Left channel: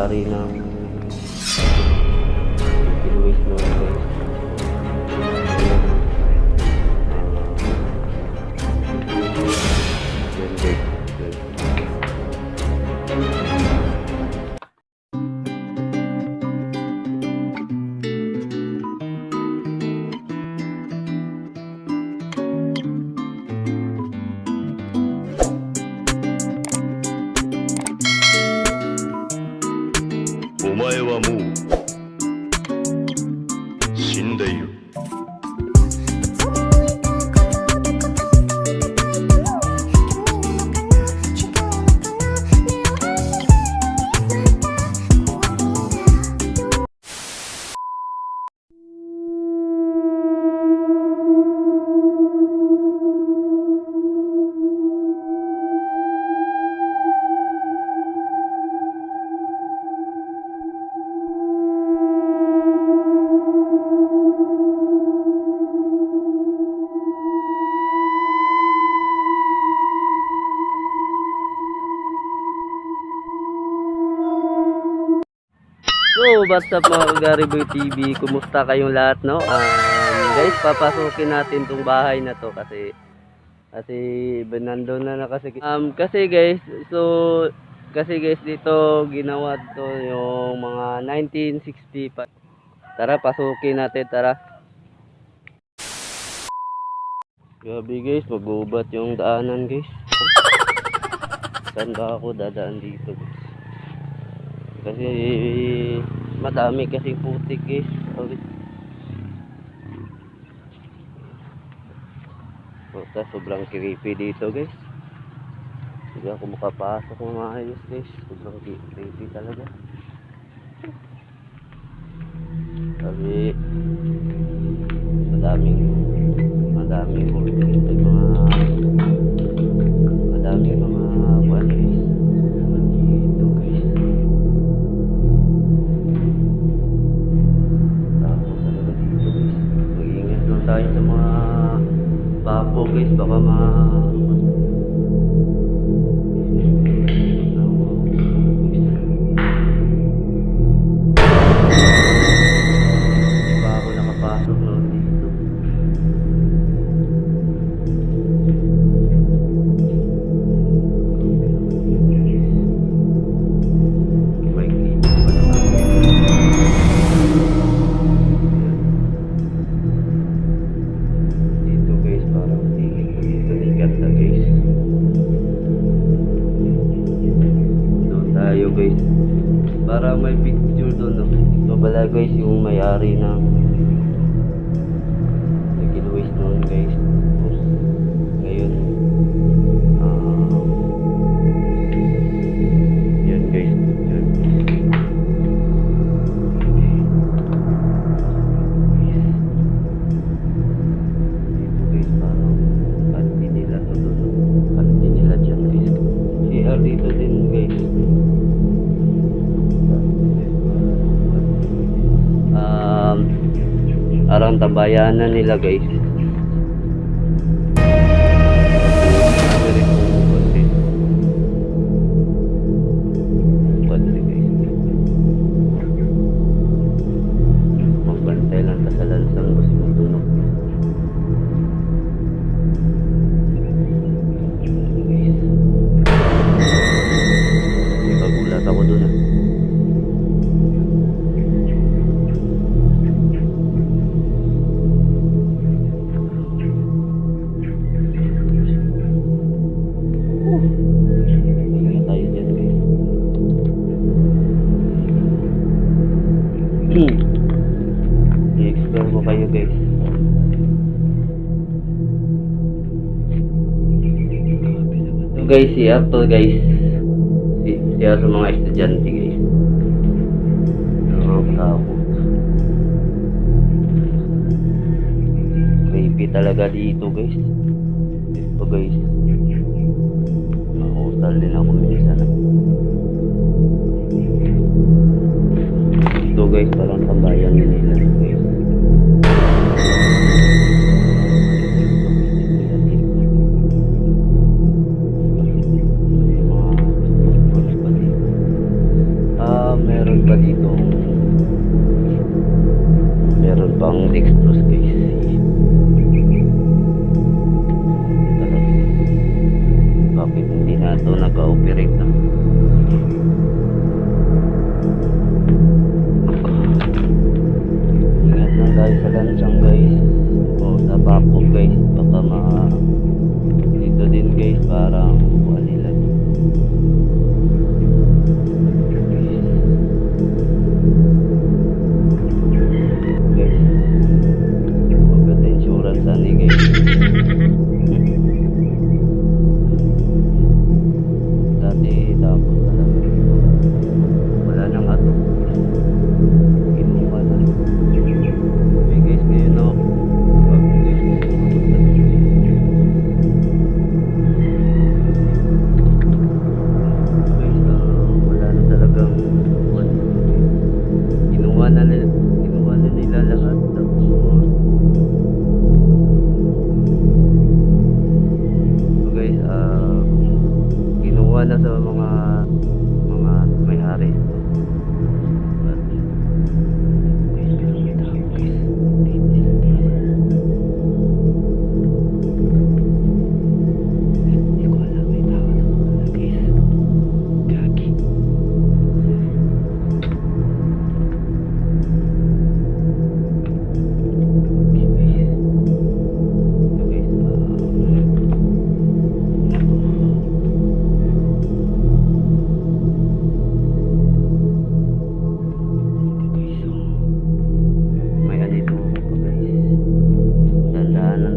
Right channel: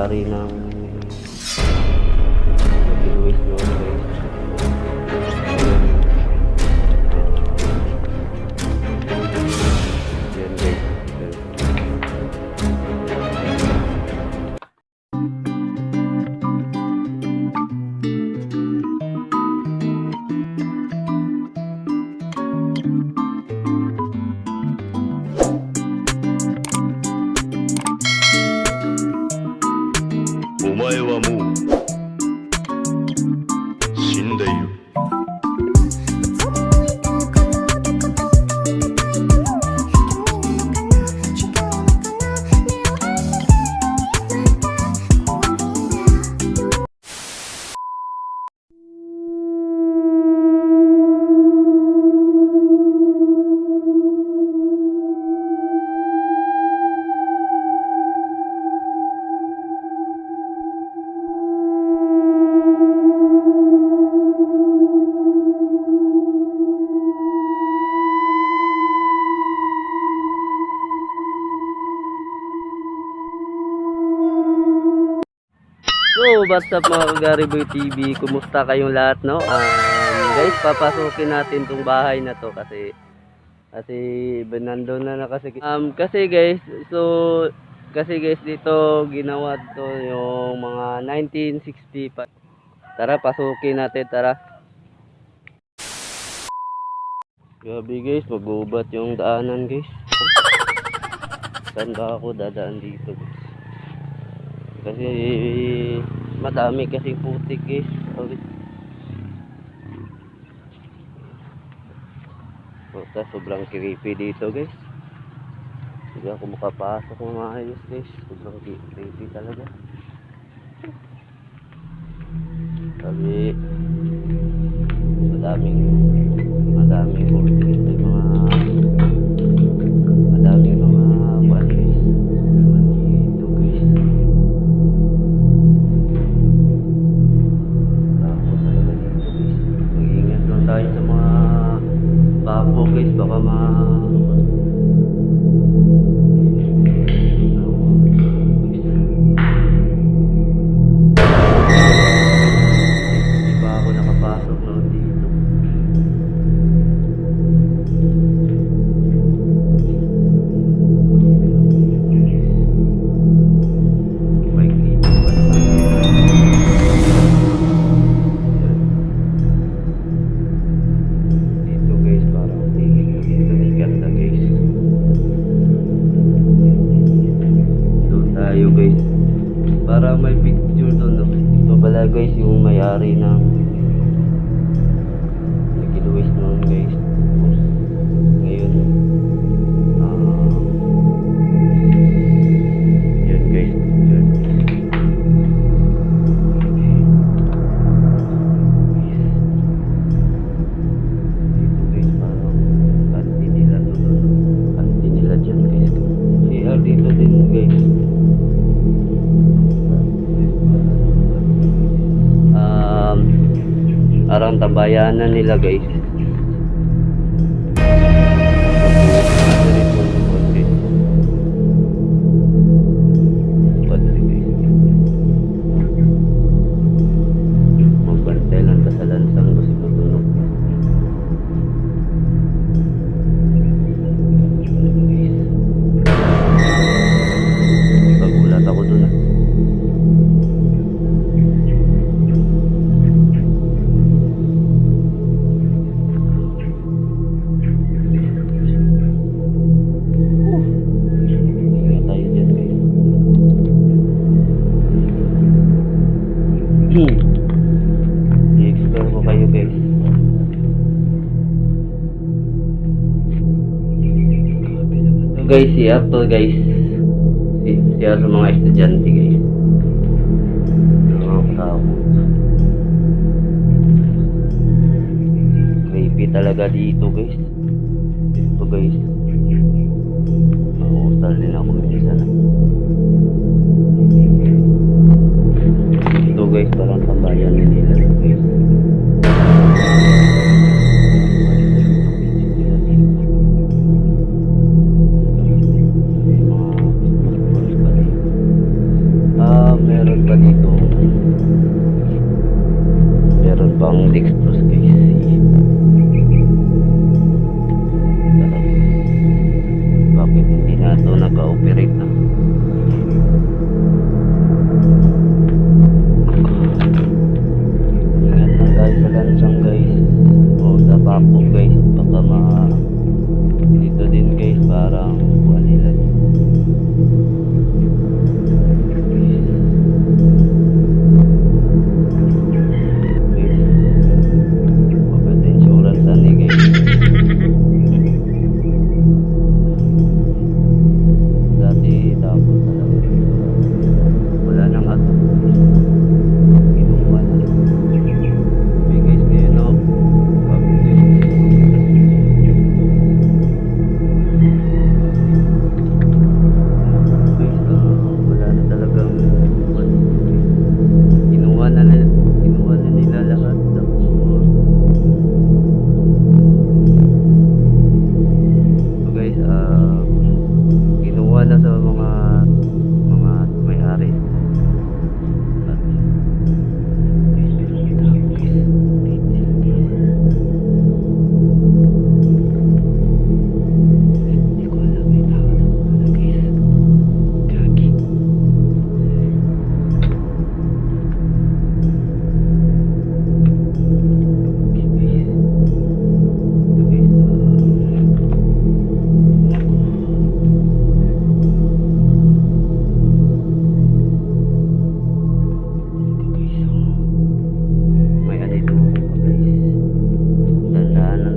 may-ari ng Luis noon guys. Ayun. Yan guys. Omae wa mou shindeiru. So, what's up mga Kagariboy TV? Kumusta kayong lahat, no? Guys, papasukin natin tong bahay na to kasi nandun na kasi guys dito ginawa to yung mga 1965. Tara, pasukin natin, tara. Grabe guys, mag-ubat yung daanan guys. Saan ba ako dadaan dito guys? Kasi madami kasi putik guys. Sobrang creepy dito guys. Hindi ako makapasok ng maayos guys. Sobrang creepy talaga. Sabi madaming putik dito, madaming mga buwan guys. Dito guys. Tapos talaga dito guys. Mag-ingat lang tayo sa mga papo guys, baka hindi pa ako nakapasok noon dito. May dito pala kayo. Dito guys, parang tingin ko dito ni ganda guys. Doon tayo guys, para may picture doon, no? Ito pala guys yung may-ari ng Luis noon guys. Tapos ngayon yan guys, picture guys. Dito guys, parang kantin nila to doon. Kantin nila dyan guys. CR dito din guys. Arang tambayanan nila guys. Ano rin kung konti. Padre guys. Magbantay lang ta sa lansang kasi matunog. Pagulat ako dun ah. Ingat tayo dyan guys. I-explore ko kayo guys. So guys, siya to guys. Siya sa mga estudyante guys. Nakakatakot. Creepy talaga dito guys. Dito guys. Mahutal din ako minsan. Ito guys, parang tambayan nila guys. to nag-ooperate na. Ingat lang tayo sa lansang guys, o sa bako guys, baka dito din guys parang buwan nila guys, mabot insurance ani guys. Dati tapos talaga dito wala nang ato, kinuha na. Okay guys, ngayon no, wala na talagang buwan dito guys. Kinuha na nila lahat, tapos so guys, kinuha na sa mga may-ari.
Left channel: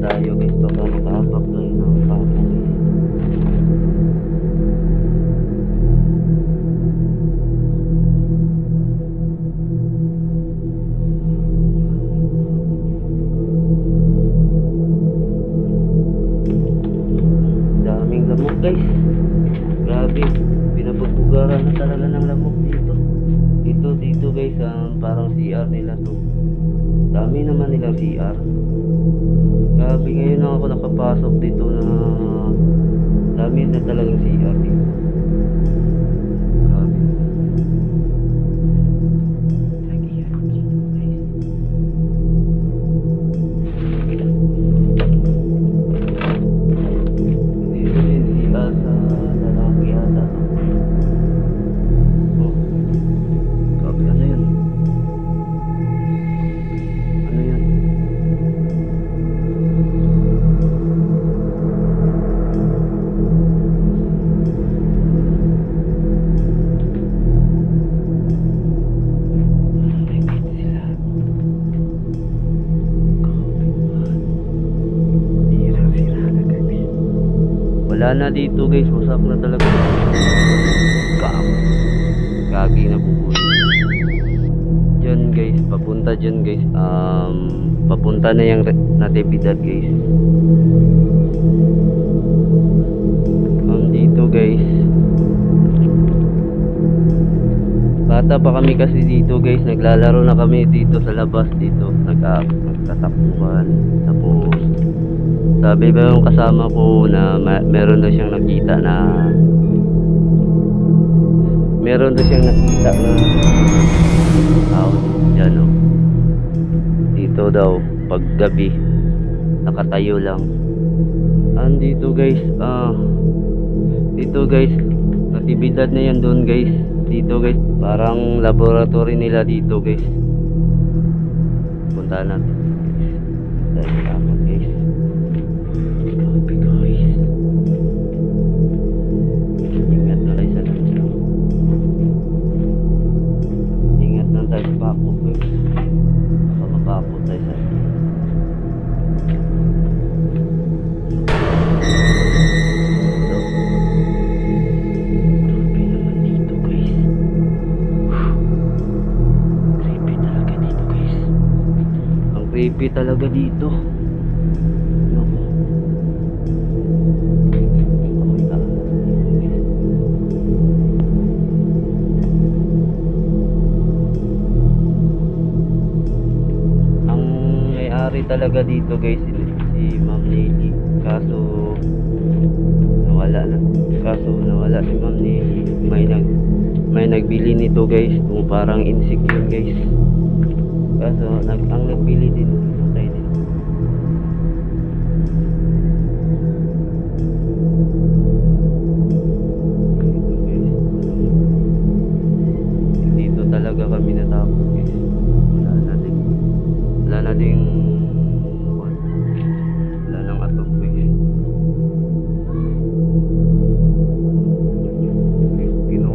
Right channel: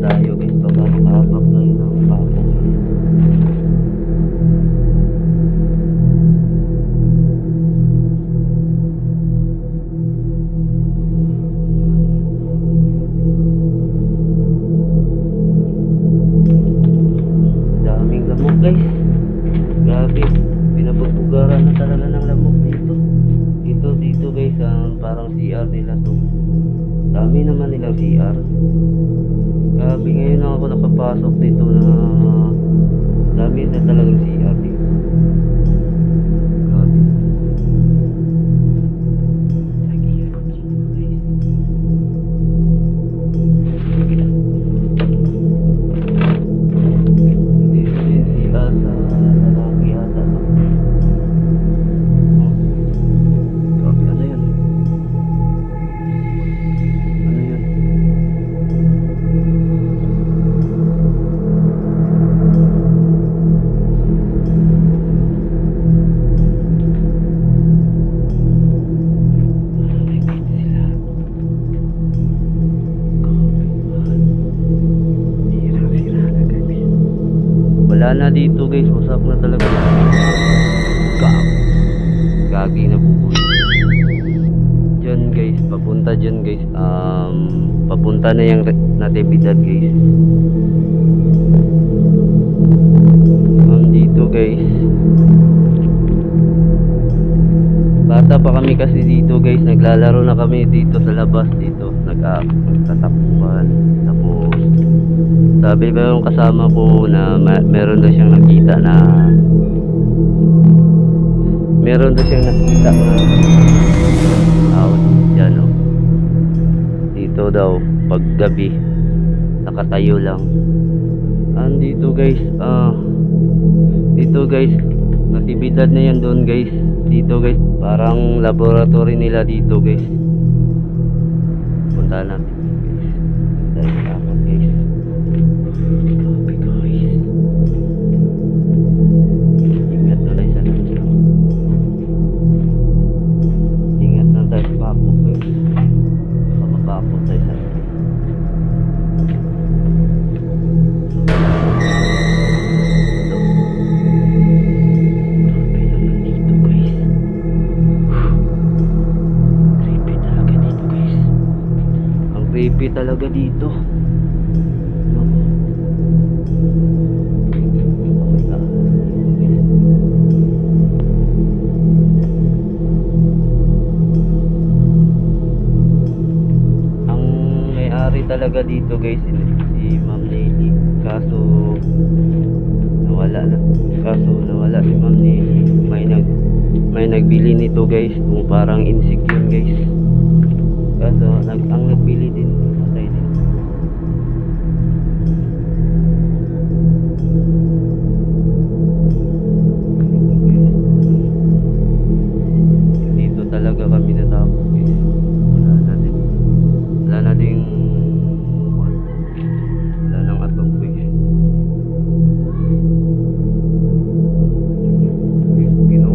Tayo guys, baka makahabak tayo ng pako guys. Daming lamok guys, grabe, pinapagbugaran na talaga ng lamok dito guys. Parang CR nila to, dami naman nilang CR. Grabe, ngayon lang ako nakapasok dito na dami na talagang CR dito. Grabe. Dito din CR sa lalaki yata. Oh. Grabe, ano yun? Ano yun? Wala na dito guys, wasak na talaga. Gagi na bubuhay. Diyan guys, papunta dyan guys. Papunta na yung Natividad guys. Dito guys, bata pa kami kasi dito guys, naglalaro na kami dito sa labas dito, nagtatakbuhan. Tapos sabi ba yung kasama ko na meron daw siyang nakita na tao dyan, no? Dito daw pag gabi nakatayo lang. Dito guys, Natividad na yan doon guys. Dito guys, parang laboratory nila dito guys. Punta natin guys. Tayo takot guys. Grabe guys. Ingat na tayo sa lansang. Ingat na tayo sa bako guys. Baka mapapot tayo sa creepy talaga dito. Naku. May ahas. Ang may-ari talaga dito guys, si Ma'am Nelly. Kaso nawala si Ma'am Nelly. May nagbili nito guys, kung parang insect yun guys. Kaso ang nagbili din patay din.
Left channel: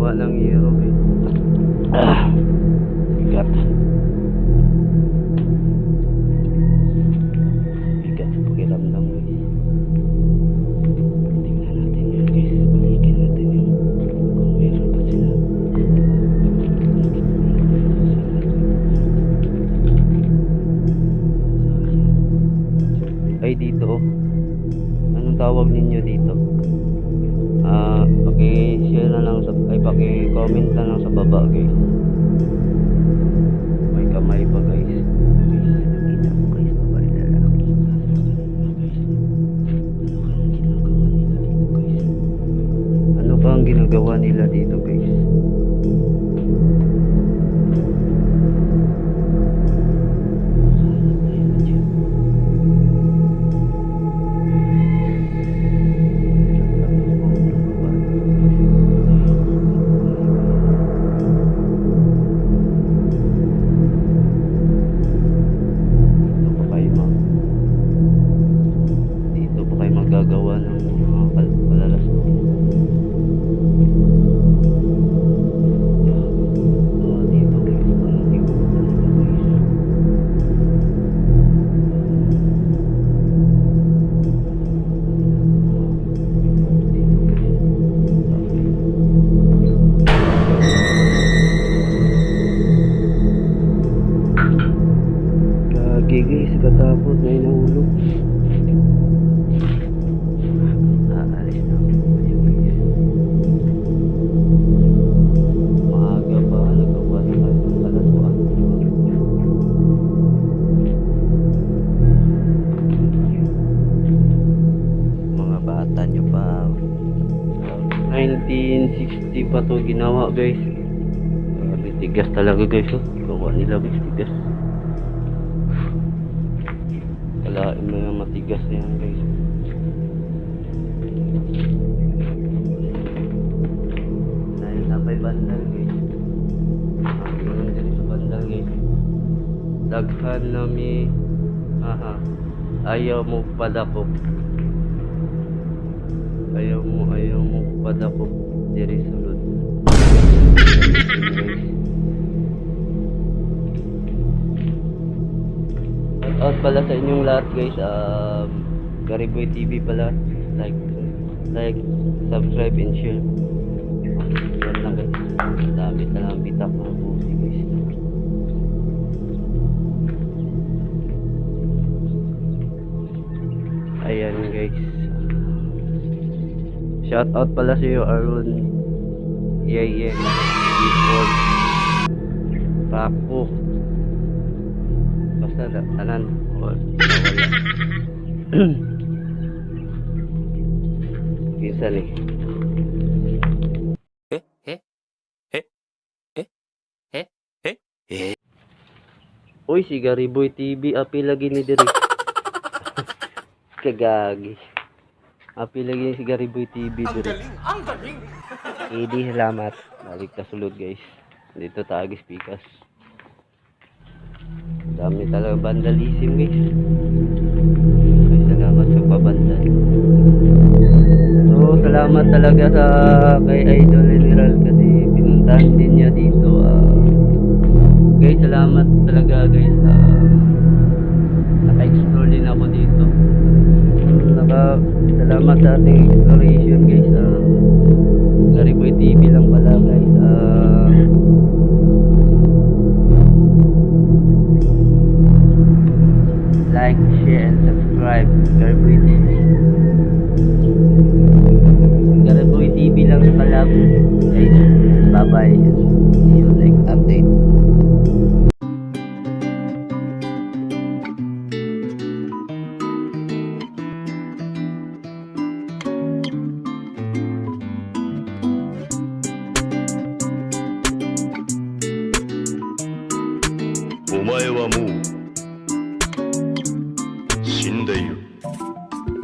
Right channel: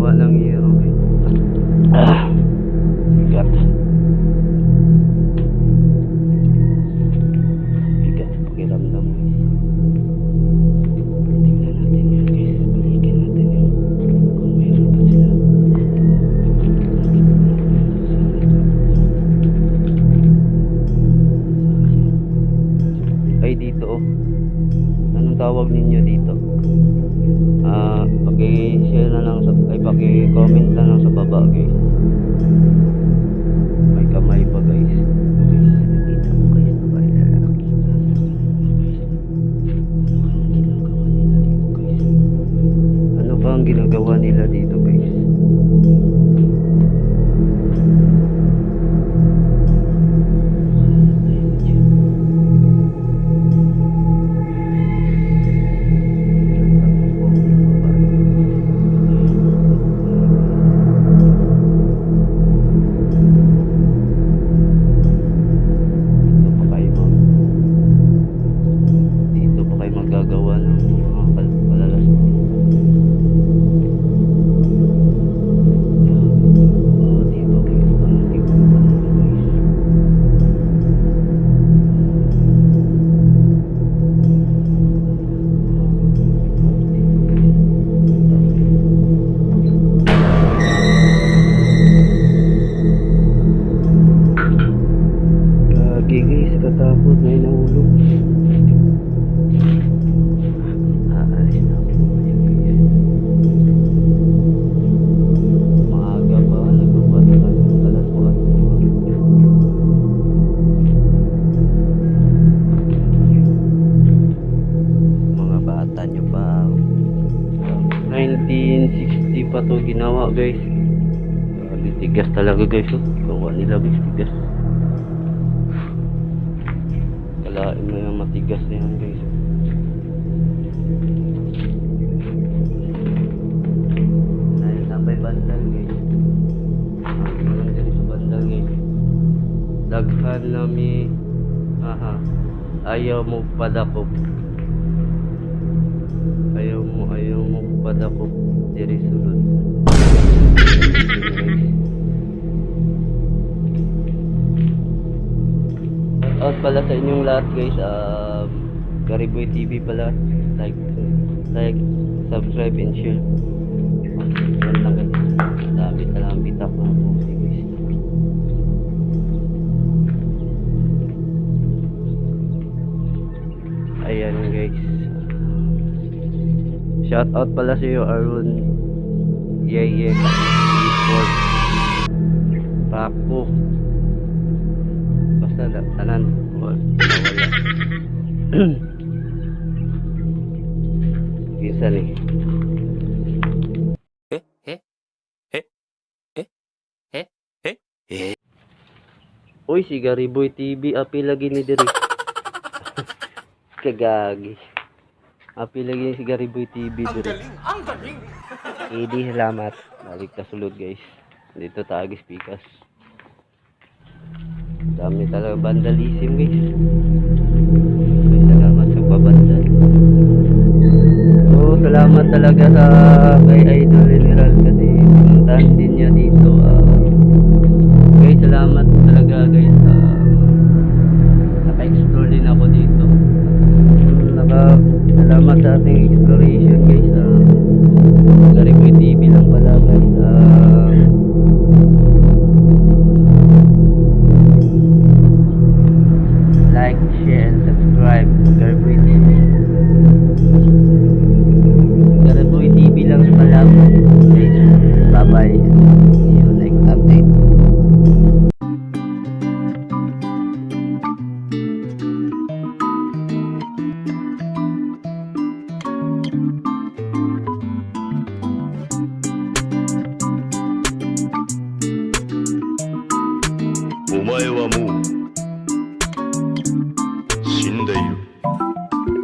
Ginawa ng hero eh. Bigat. Bigat sa pakiramdam guys. Tingnan natin yun guys. Balikin natin yun. Kung meron pa sila. Ay dito oh. Anong tawag ninyo dito? Paki-share na lang sa paki-comment na lang sa baba guys. May kamay pa guys. Nakita ko guys, babae lalaki. Ano pa ang ginagawa nila dito guys? Magagawa ng mga palalas mo. Dito guys, dito pa nila guys. Dito guys. Gagi guys, katakot na inahulog. Aalis na ako ngayon guys. Maaga pa, nagawa na tayo ng kalaswaan. Mga bata nyo pa. 1960 pa to ginawa guys. Grabe, tigas talaga guys. Gawa nila guys, tigas. Kalain mo yung matigas na yan guys. May bandal guys. Yun din sa bandal guys. Daghan nami. Ayaw mo padakop. Ayaw mo padakop. Diri sulod. Out pala sa inyong lahat guys. Gariboy TV pala. Like, subscribe and share. Yan lang guys. Dami talang bitak mga pusi guys. Ayan guys. Shout out pala sa iyo Arun. Yeah. Esports. Papo. Basta tanan. Wala. Kisa ni. Uy, si Gariboy TV api lagi ni diri. Kagagi. Api lagi si Gariboy TV diri. Ang galing. Idi salamat. Balik ta sulod guys. Dito tagis pikas. Dami talaga vandalism guys. Okay, salamat sa pabandal. So, salamat talaga sa kay Idol General kasi pinuntahan din niya dito. Guys, salamat talaga guys. Naka-explore din ako dito. Salamat sa ating exploration guys. Gariboy TV lang pala guys. Like, share, and subscribe. Gariboy TV. Gariboy TV lang pala guys. Bye bye. See you next update. O 前はもう